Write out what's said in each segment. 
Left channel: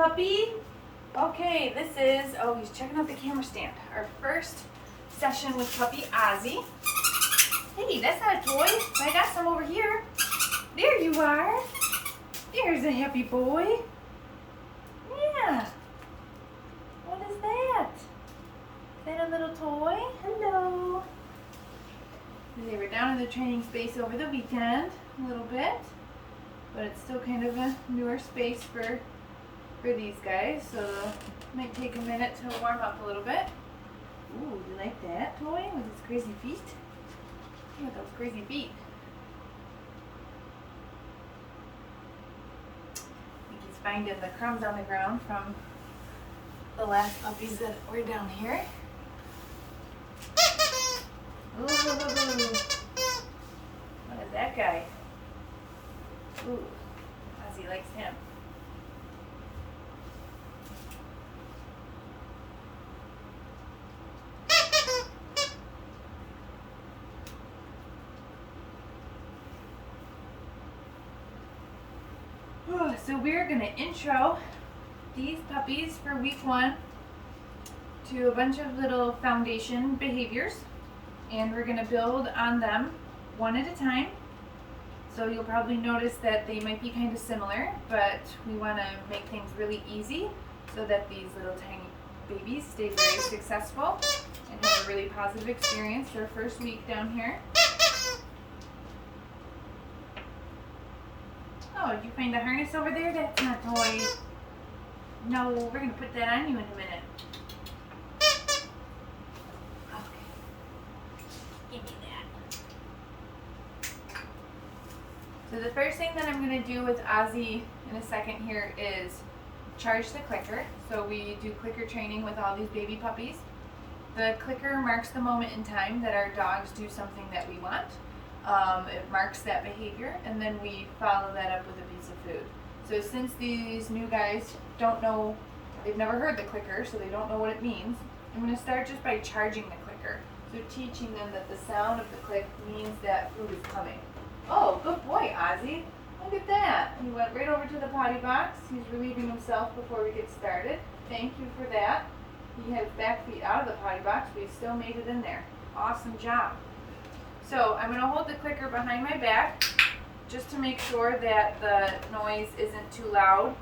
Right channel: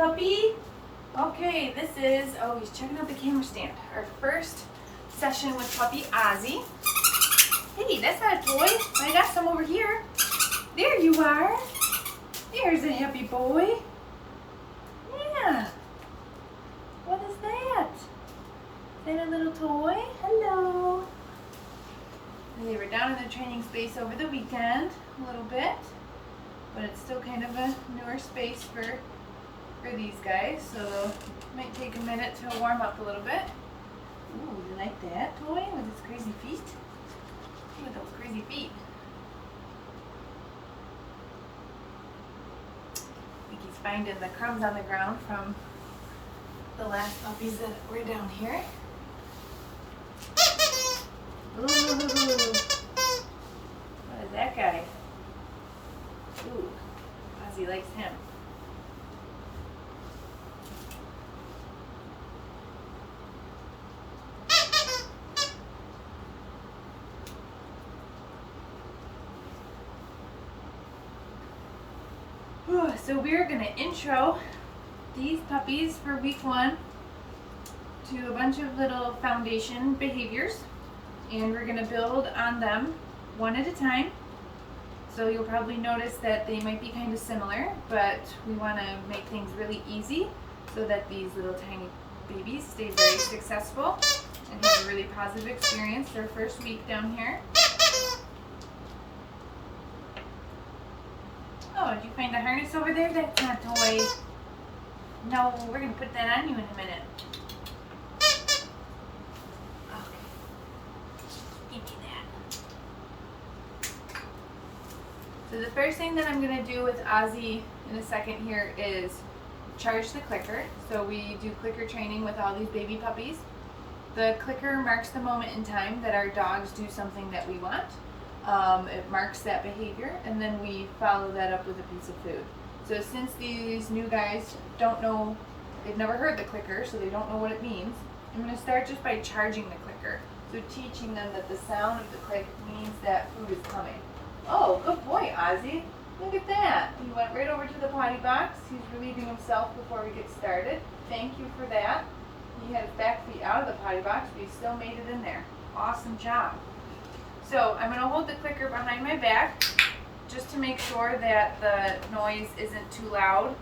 puppy? Okay, this is, oh, he's checking out the camera stand. Our first session with puppy Ozzy. Hey, that's not a toy, but I got some over here. There you are. There's a happy boy. Yeah. What is that? Is that a little toy? Hello. They were down in the training space over the weekend a little bit, but it's still kind of a newer space for these guys, so it might take a minute to warm up a little bit. Ooh, you like that toy with its crazy feet? Look at those crazy feet. I think he's finding the crumbs on the ground from the last puppies that were down here. Ooh, what is that guy? Ooh, Ozzy likes him. So we're going to intro these puppies for week 1 to a bunch of little foundation behaviors, and we're going to build on them one at a time. So you'll probably notice that they might be kind of similar, but we want to make things really easy so that these little tiny babies stay very successful and have a really positive experience their first week down here. Oh, did you find a harness over there? That's not a toy. No, we're going to put that on you in a minute. Okay. Can't do that. So the first thing that I'm going to do with Ozzy in a second here is charge the clicker. So we do clicker training with all these baby puppies. The clicker marks the moment in time that our dogs do something that we want. It marks that behavior, and then we follow that up with a piece of food. So since these new guys don't know, they've never heard the clicker, so they don't know what it means, I'm going to start just by charging the clicker. So teaching them that the sound of the click means that food is coming. Oh, good boy, Ozzy. Look at that. He went right over to the potty box. He's relieving himself before we get started. Thank you for that. He had his back feet out of the potty box, but he still made it in there. Awesome job. So I'm going to hold the clicker behind my back just to make sure that the noise isn't too loud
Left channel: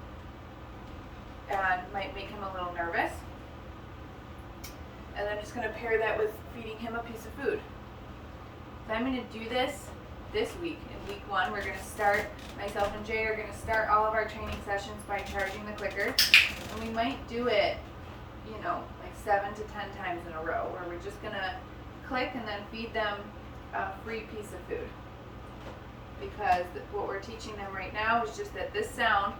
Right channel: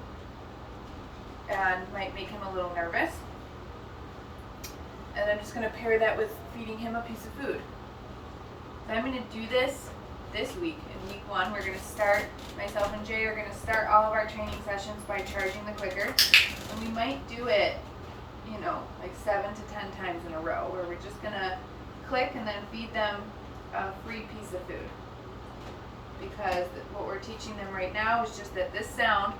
and might make him a little nervous. And I'm just going to pair that with feeding him a piece of food. So I'm going to do this week. In week 1, we're going to start, myself and Jay are going to start all of our training sessions by charging the clicker. And we might do it, like 7 to 10 times in a row, where we're just going to click and then feed them a free piece of food, because what we're teaching them right now is just that this sound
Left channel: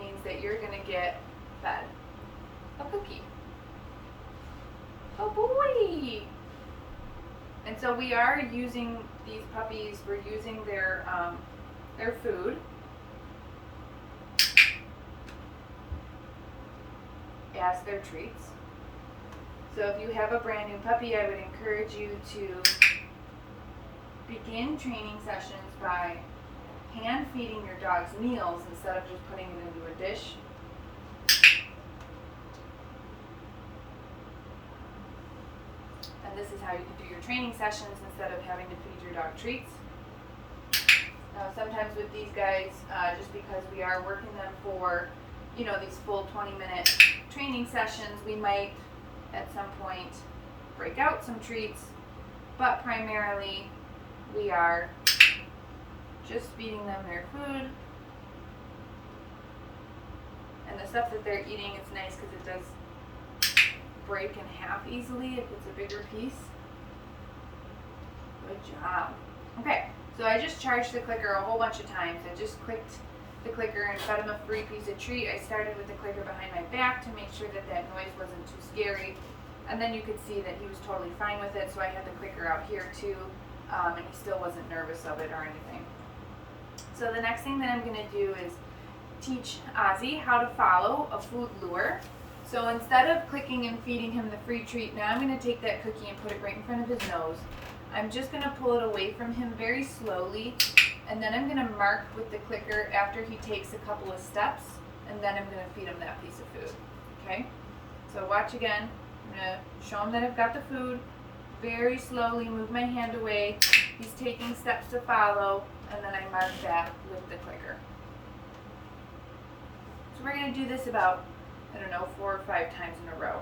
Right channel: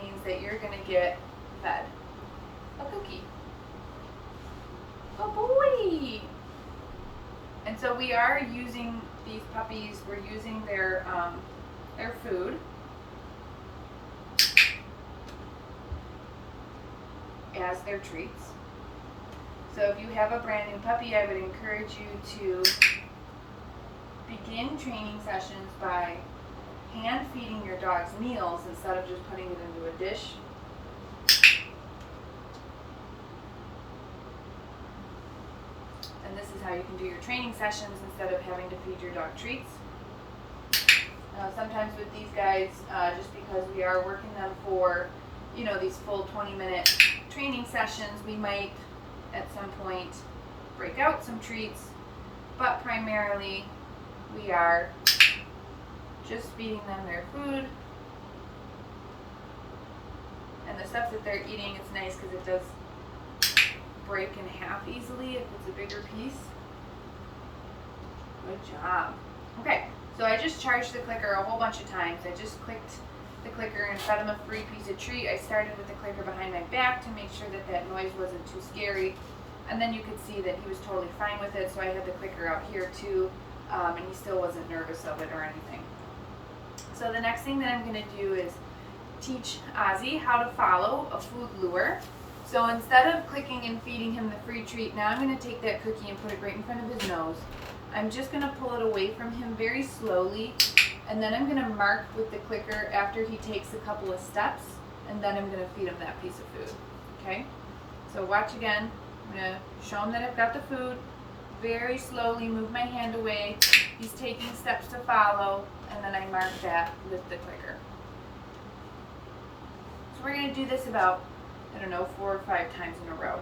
means that you're going to get fed a cookie. Oh boy! And so we are using these puppies, we're using their food as their treats. So if you have a brand new puppy, I would encourage you to begin training sessions by hand feeding your dogs meals instead of just putting it into a dish. And this is how you can do your training sessions instead of having to feed your dog treats. Now sometimes with these guys, just because we are working them for, these full 20-minute training sessions, we might at some point break out some treats, but primarily we are just feeding them their food, and the stuff that they're eating is nice because it does break in half easily if it's a bigger piece. Good job. Okay, so I just charged the clicker a whole bunch of times. I just clicked the clicker and fed him a free piece of treat. I started with the clicker behind my back to make sure that that noise wasn't too scary, and then you could see that he was totally fine with it, so I had the clicker out here too. And he still wasn't nervous of it or anything. So the next thing that I'm going to do is teach Ozzy how to follow a food lure. So instead of clicking and feeding him the free treat, now I'm going to take that cookie and put it right in front of his nose. I'm just going to pull it away from him very slowly, and then I'm going to mark with the clicker after he takes a couple of steps and then I'm going to feed him that piece of food. Okay? So watch again. I'm going to show him that I've got the food. Very slowly move my hand away. He's taking steps to follow, and then I mark that with the clicker. So we're going to do this about, 4 or 5 times in a row.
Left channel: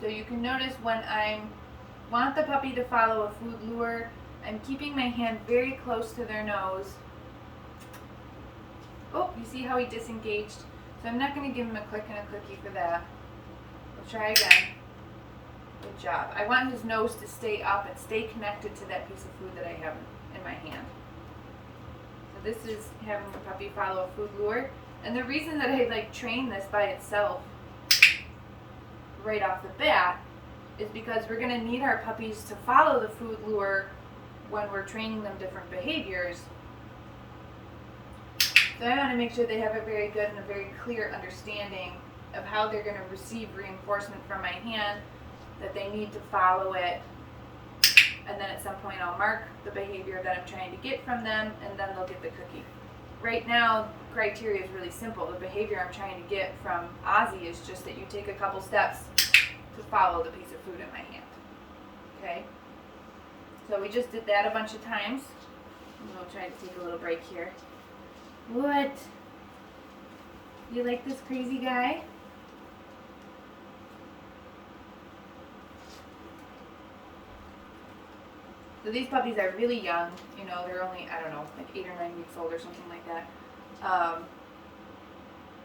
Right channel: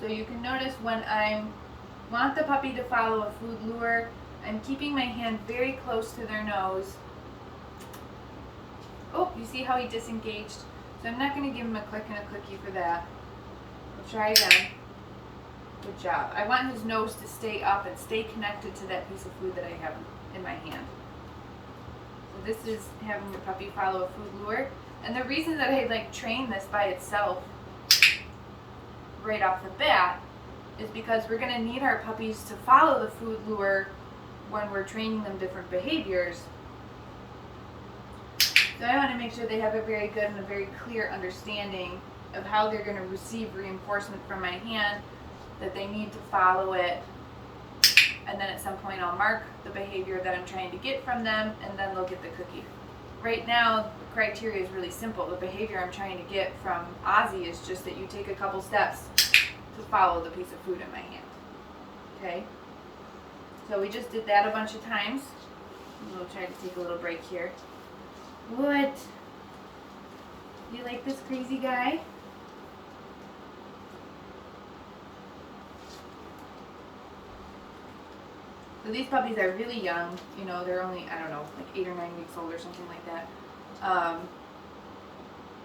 So you can notice when I want the puppy to follow a food lure, I'm keeping my hand very close to their nose. Oh, you see how he disengaged? So I'm not going to give him a click and a clicky for that. We'll try again. Good job. I want his nose to stay up and stay connected to that piece of food that I have in my hand. So this is having your puppy follow a food lure. And the reason that I train this by itself right off the bat is because we're going to need our puppies to follow the food lure when we're training them different behaviors. So I want to make sure they have a very good and a very clear understanding of how they're going to receive reinforcement from my hand, that they need to follow it, and then at some point I'll mark the behavior that I'm trying to get from them, and then they'll get the cookie. Right now, criteria is really simple. The behavior I'm trying to get from Ozzy is just that you take a couple steps to follow the piece of food in my hand. Okay? So we just did that a bunch of times. We'll try to take a little break here. What? You like this crazy guy? So these puppies are really young. They're only, 8 or 9 weeks old or something like that.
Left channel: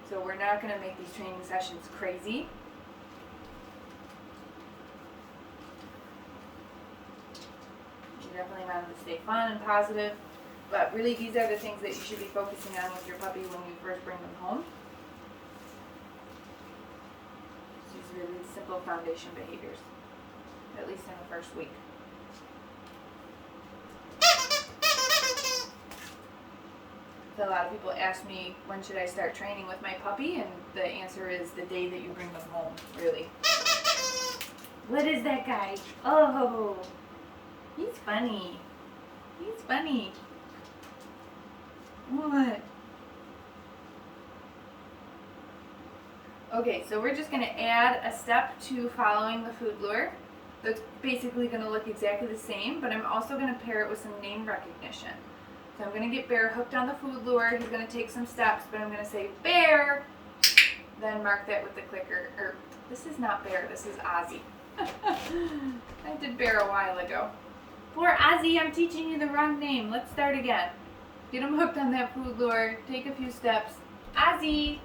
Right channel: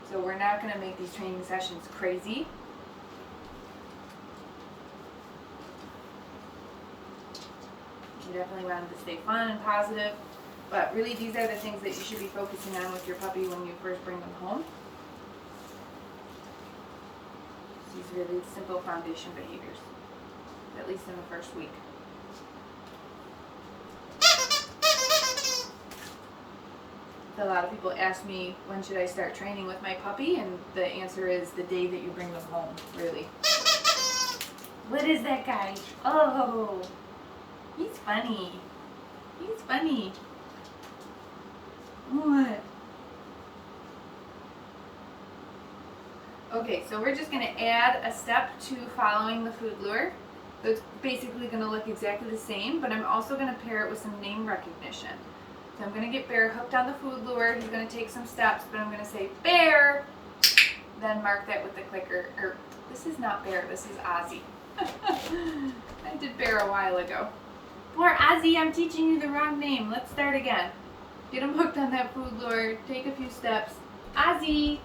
So we're not going to make these training sessions crazy. You definitely want them to stay fun and positive. But really, these are the things that you should be focusing on with your puppy when you first bring them home. These really simple foundation behaviors, at least in the first week. So a lot of people ask me, when should I start training with my puppy? And the answer is the day that you bring them home, really. What is that guy? Oh, he's funny. He's funny. What? Okay, so we're just going to add a step to following the food lure. So it's basically going to look exactly the same, but I'm also going to pair it with some name recognition. So I'm going to get Bear hooked on the food lure. He's going to take some steps, but I'm going to say, Bear! Then mark that with the clicker. This is not Bear, this is Ozzy. I did Bear a while ago. Poor Ozzy, I'm teaching you the wrong name. Let's start again. Get him hooked on that food lure. Take a few steps. Ozzy!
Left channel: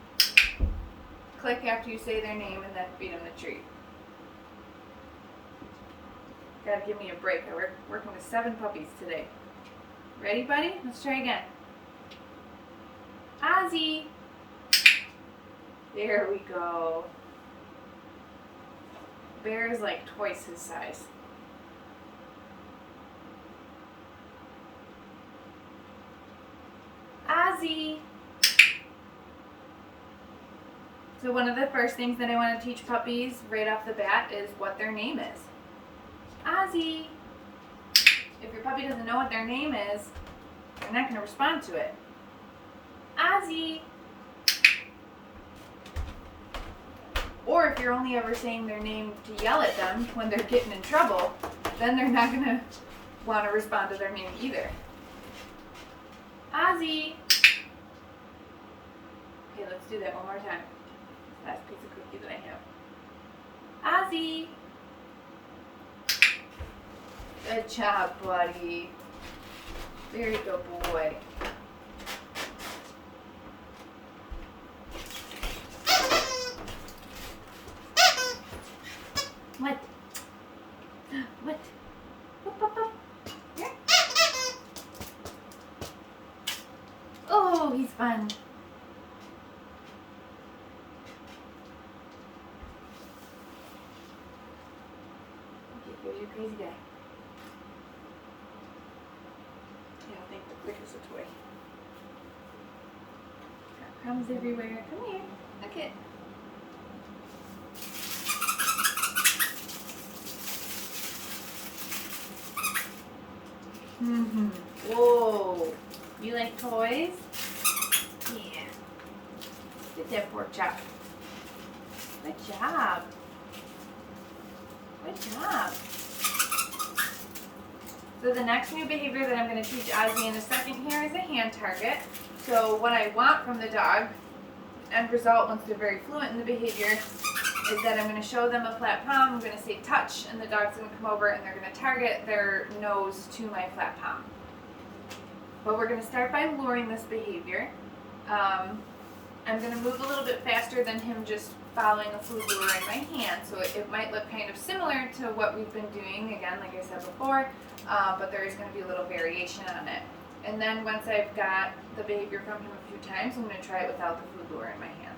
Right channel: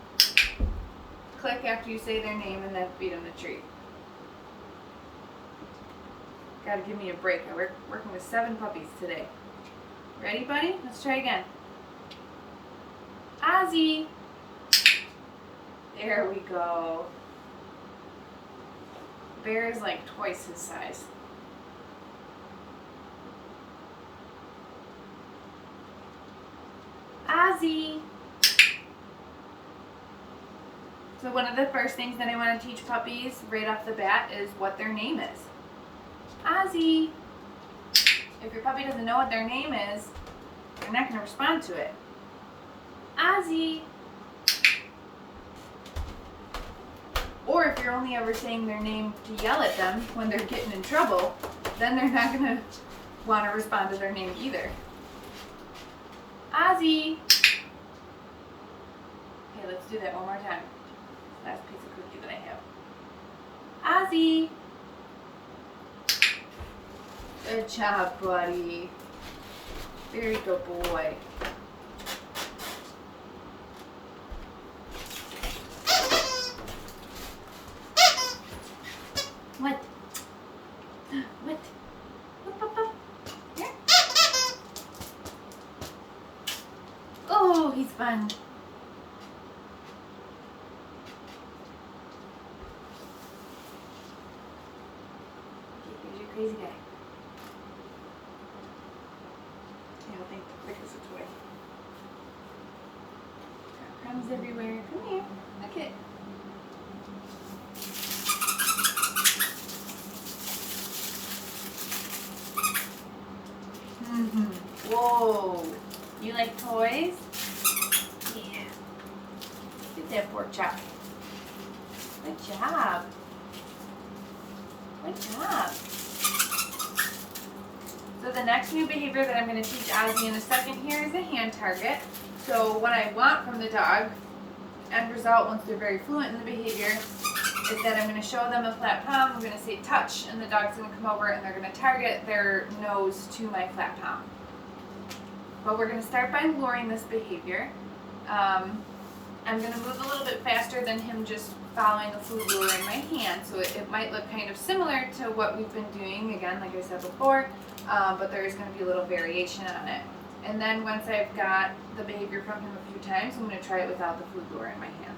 Click after you say their name and then feed him the treat. Gotta give me a break. I'm working with 7 puppies today. Ready, buddy? Let's try again. Ozzy! There we go. Bear is like twice his size. Ozzy! So one of the first things that I want to teach puppies right off the bat is what their name is. Ozzy! If your puppy doesn't know what their name is, they're not going to respond to it. Ozzy! Or if you're only ever saying their name to yell at them when they're getting in trouble, then they're not going to want to respond to their name either. Ozzy! Okay, let's do that one more time. Last piece of cookie that I have. Ozzy! Good job, buddy. Very good boy. What? What? Up, up, up. Here. Oh, he's fun. There's your crazy guy. Yeah, I think the click is a toy. Got crumbs everywhere. Come here. Look it. Whoa. You You like toys? Yeah. Get that pork chop. Good job. Good job. So the next new behavior that I'm going to teach Ozzy in a second here is a hand target. So what I want from the dog, end result once they're very fluent in the behavior, is that I'm going to show them a flat palm, I'm going to say touch, and the dog's going to come over and they're going to target their nose to my flat palm. But we're going to start by luring this behavior. I'm going to move a little bit faster than him just following a food lure in my hand, so it might look kind of similar to what we've been doing, again, like I said before, but there is going to be a little variation on it. And then once I've got the behavior from him a few times, I'm going to try it without the food lure in my hand.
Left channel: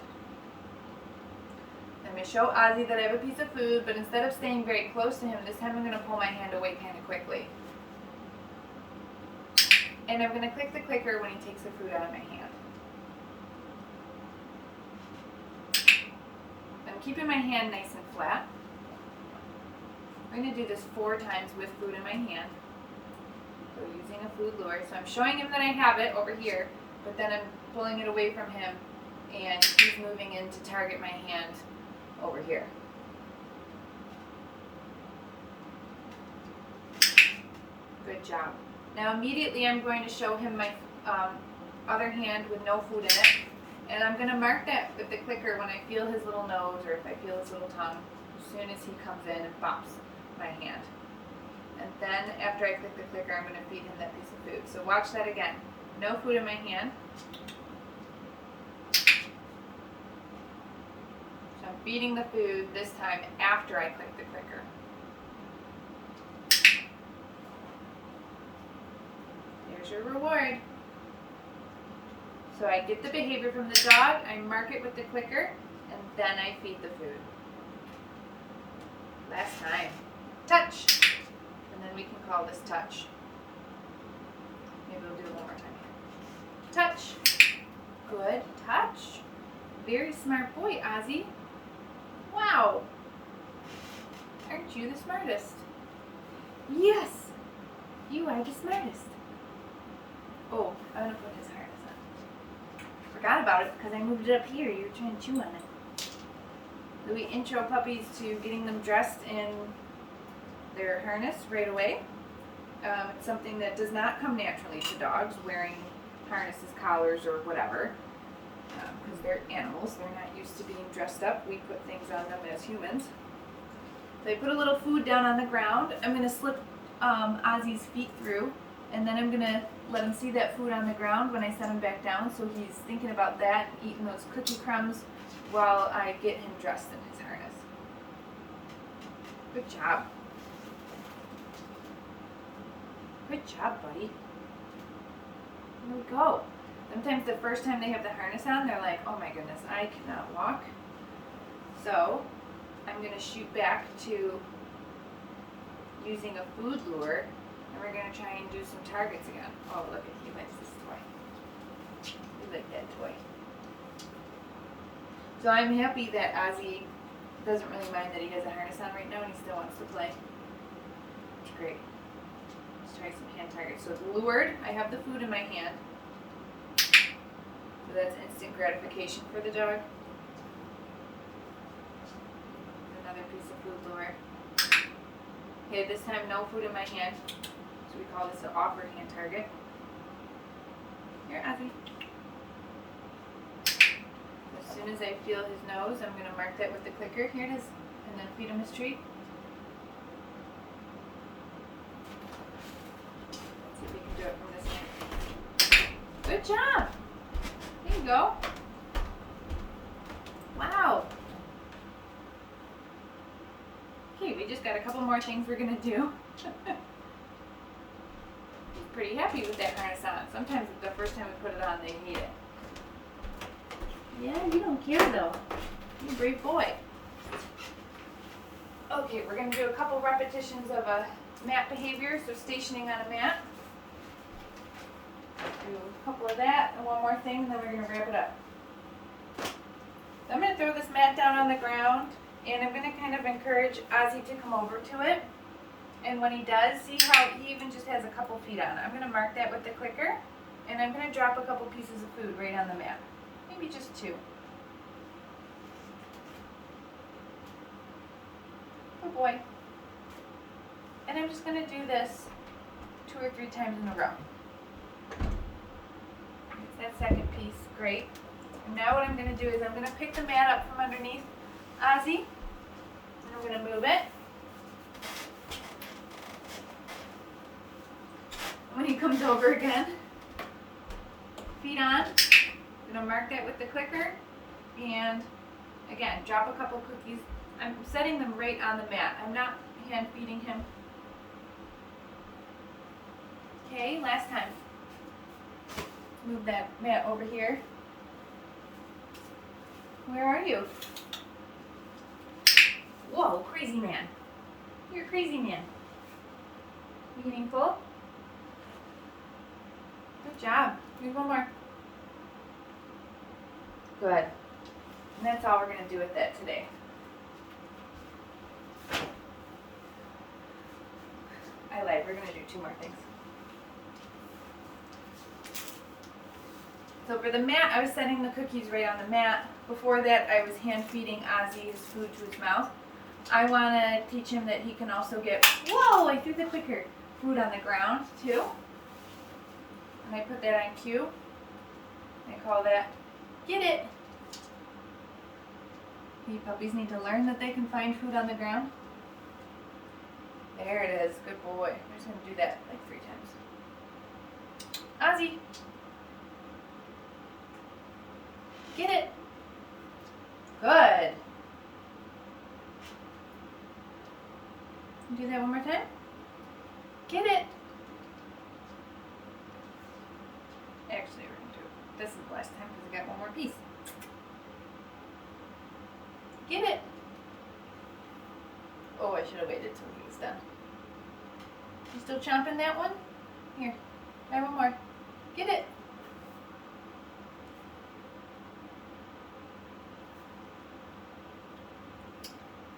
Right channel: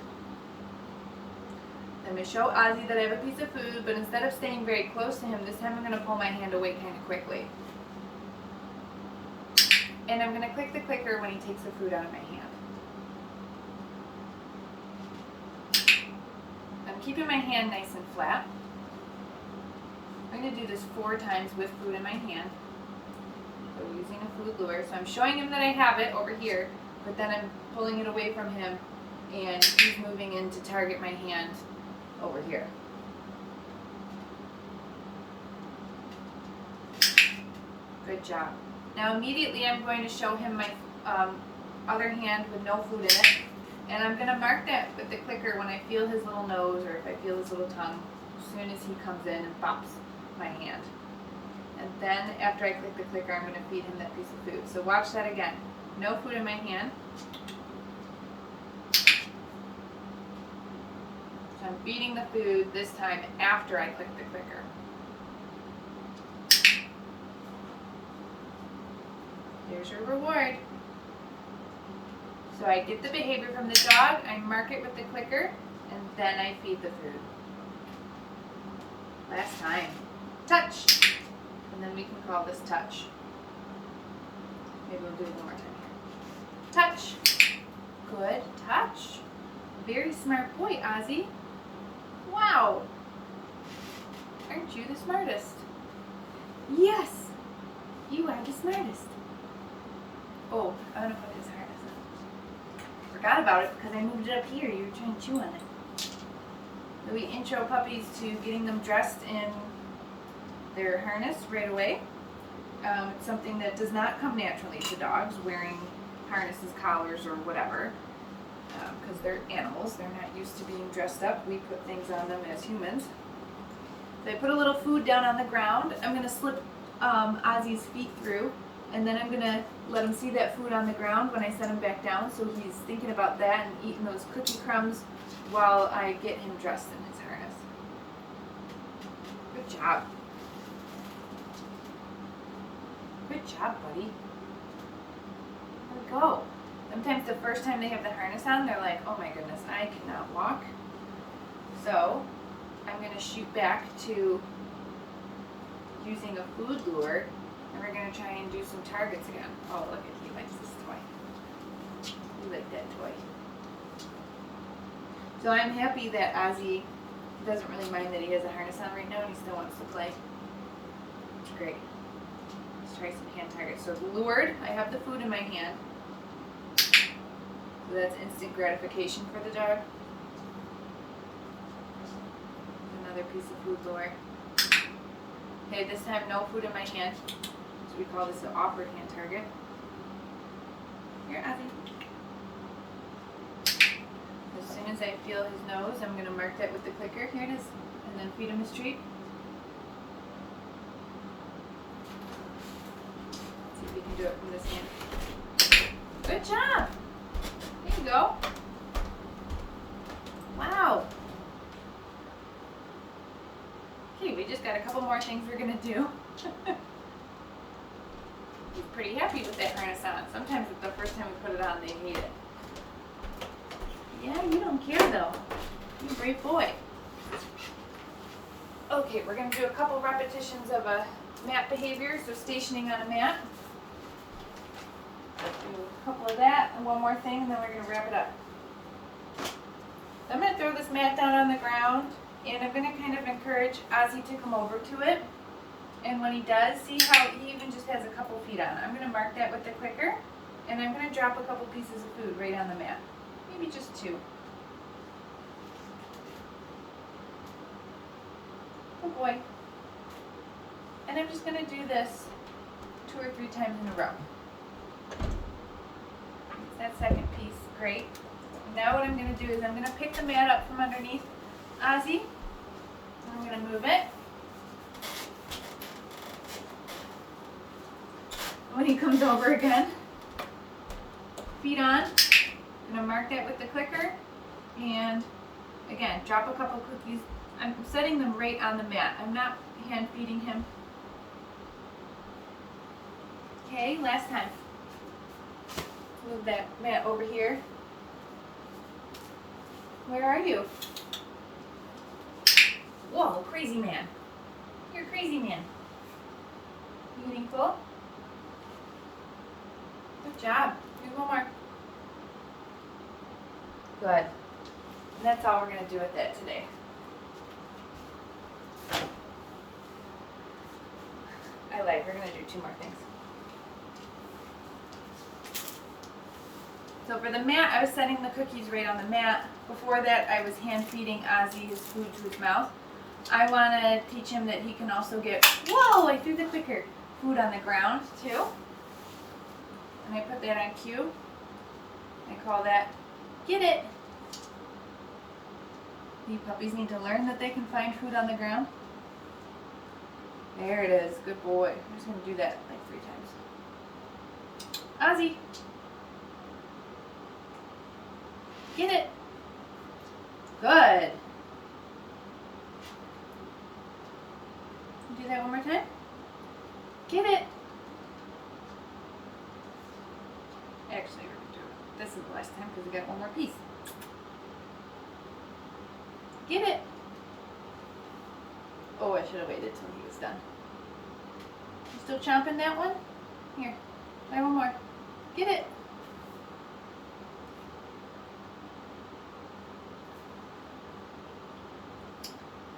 I'm going to show Ozzy that I have a piece of food, but instead of staying very close to him, this time I'm going to pull my hand away kind of quickly. And I'm going to click the clicker when he takes the food out of my hand. I'm keeping my hand nice and flat. I'm going to do this 4 times with food in my hand. So using a food lure. So I'm showing him that I have it over here, but then I'm pulling it away from him and he's moving in to target my hand over here. Good job. Now immediately I'm going to show him my other hand with no food in it, and I'm going to mark that with the clicker when I feel his little nose or if I feel his little tongue, as soon as he comes in and bops my hand. And then after I click the clicker, I'm going to feed him that piece of food. So watch that again. No food in my hand. So I'm feeding the food this time after I click the clicker. Here's your reward. So I get the behavior from the dog, I mark it with the clicker, and then I feed the food. Last time. Touch. And then we can call this touch. Maybe we'll do it one more time here. Touch. Good. Touch. Very smart boy, Ozzy. Wow. Aren't you the smartest? Yes. You are the smartest. Oh, I'm going to put his harness on. Forgot about it because I moved it up here. You were trying to chew on it. So we intro puppies to getting them dressed in their harness right away. It's something that does not come naturally to dogs, wearing harnesses, collars, or whatever, because they're animals. They're not used to being dressed up. We put things on them as humans. So I put a little food down on the ground. I'm going to slip Ozzy's feet through, and then I'm going to let him see that food on the ground when I set him back down, so he's thinking about that and eating those cookie crumbs while I get him dressed in his harness. Good job. Good job, buddy. There we go. Sometimes the first time they have the harness on, they're like, oh my goodness, I cannot walk. So I'm going to shoot back to using a food lure, and we're going to try and do some targets again. Oh, look, he likes this toy. He liked that toy. So I'm happy that Ozzy doesn't really mind that he has a harness on right now and he still wants to play. It's great. Let's try some hand targets. So it's lured. I have the food in my hand. So that's instant gratification for the dog. Another piece of food lure. Okay, this time no food in my hand. So we call this an offered hand target. Here, Ozzy. As soon as I feel his nose, I'm going to mark that with the clicker. Here it is. And then feed him his treat. Let's see if we can do it from this hand. Good job. There you go. Wow. Okay, we just got a couple more things we're going to do. He's pretty happy with that harness on. Sometimes the first time we put it on, they hate it. Yeah, you don't care though. You're a brave boy. Okay, we're going to do a couple repetitions of a mat behavior, so stationing on a mat. Do a couple of that and one more thing, and then we're going to wrap it up. So I'm going to throw this mat down on the ground, and I'm going to kind of encourage Ozzy to come over to it. And when he does, see how he even just has a couple feet on it. I'm going to mark that with the clicker. And I'm going to drop a couple pieces of food right on the mat. Maybe just 2. Good boy. And I'm just going to do this 2 or 3 times in a row. That second piece, great. And now what I'm going to do is I'm going to pick the mat up from underneath Ozzy, and I'm going to move it. When he comes over again, feet on, I'm going to mark that with the clicker, and again, drop a couple cookies. I'm setting them right on the mat. I'm not hand feeding him. Okay, last time. Move that mat over here. Where are you? Whoa, crazy man. You're a crazy man. You getting full? Good job. Here's one more. Good. And that's all we're going to do with that today. I lied. We're going to do 2 more things. So for the mat, I was setting the cookies right on the mat. Before that, I was hand feeding Ozzy his food to his mouth. I want to teach him that he can also get, whoa, I threw the clicker, food on the ground too. And I put that on cue. I call that, get it. You puppies need to learn that they can find food on the ground. There it is, good boy. I'm just going to do that like 3 times. Ozzy. Get it. Good. Do that one more time. Get it. Actually, we're going to do it. This is the last time because I got one more piece. Get it. Oh, I should have waited till he was done. You still chomping that one? Here, try one more. Get it.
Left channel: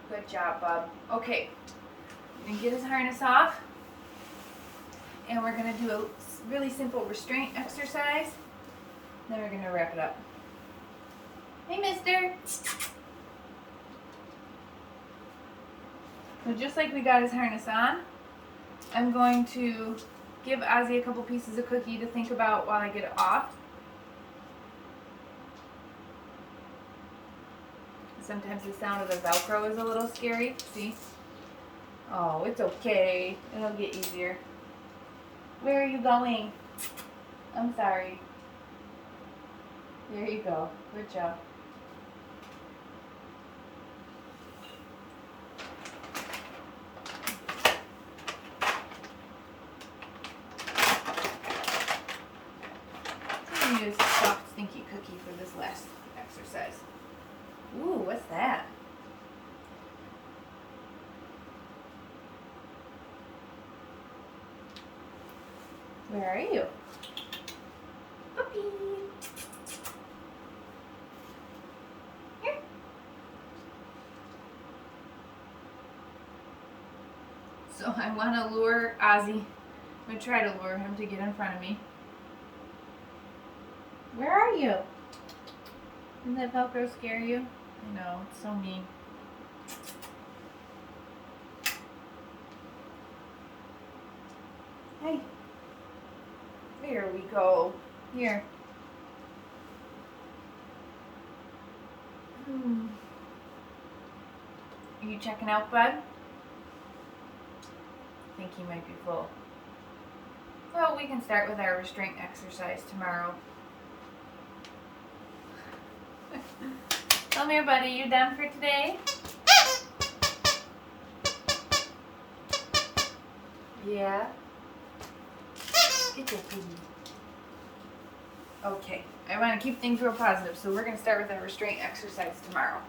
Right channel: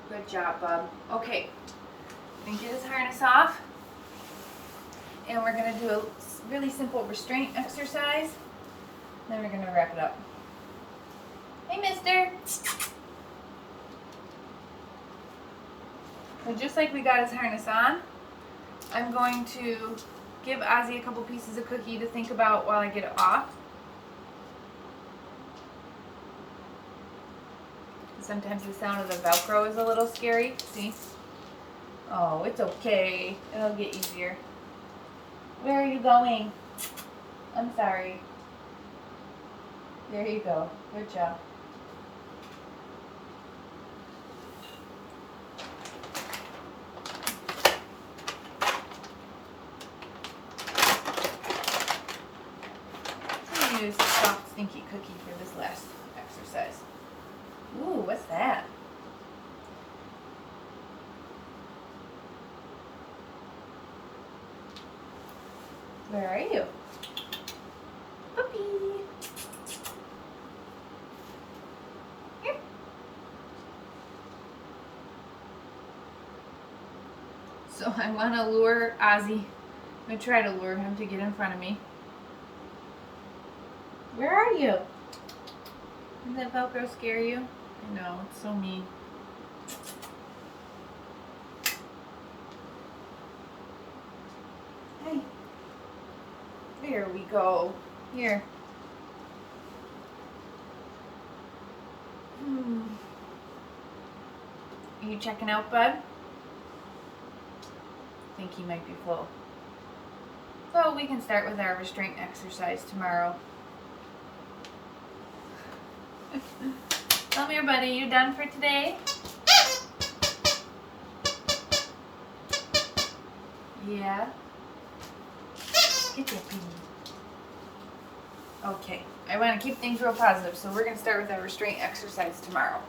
Good job, bub. Okay, we're gonna get his harness off, and we're gonna do a really simple restraint exercise. Then we're gonna wrap it up. Hey, mister. So just like we got his harness on, I'm going to give Ozzy a couple pieces of cookie to think about while I get it off. Sometimes the sound of the Velcro is a little scary. See? Oh, it's okay. It'll get easier. Where are you going? I'm sorry. There you go. Good job. I'm going to use a soft, stinky cookie for this last exercise. Ooh, what's that? Where are you? Puppy. Here. So I want to lure Ozzy. I'm going to try to lure him to get in front of me. Where are you? Does that Velcro scare you? I know, it's so mean. Hey. There we go. Here. Are you checking out, bud? I think he might be full. So we can start with our restraint exercise tomorrow. Come here, buddy. You done for today? Yeah. Get there, piggy. Okay. I want to keep things real positive, so we're going to start with our restraint exercise tomorrow.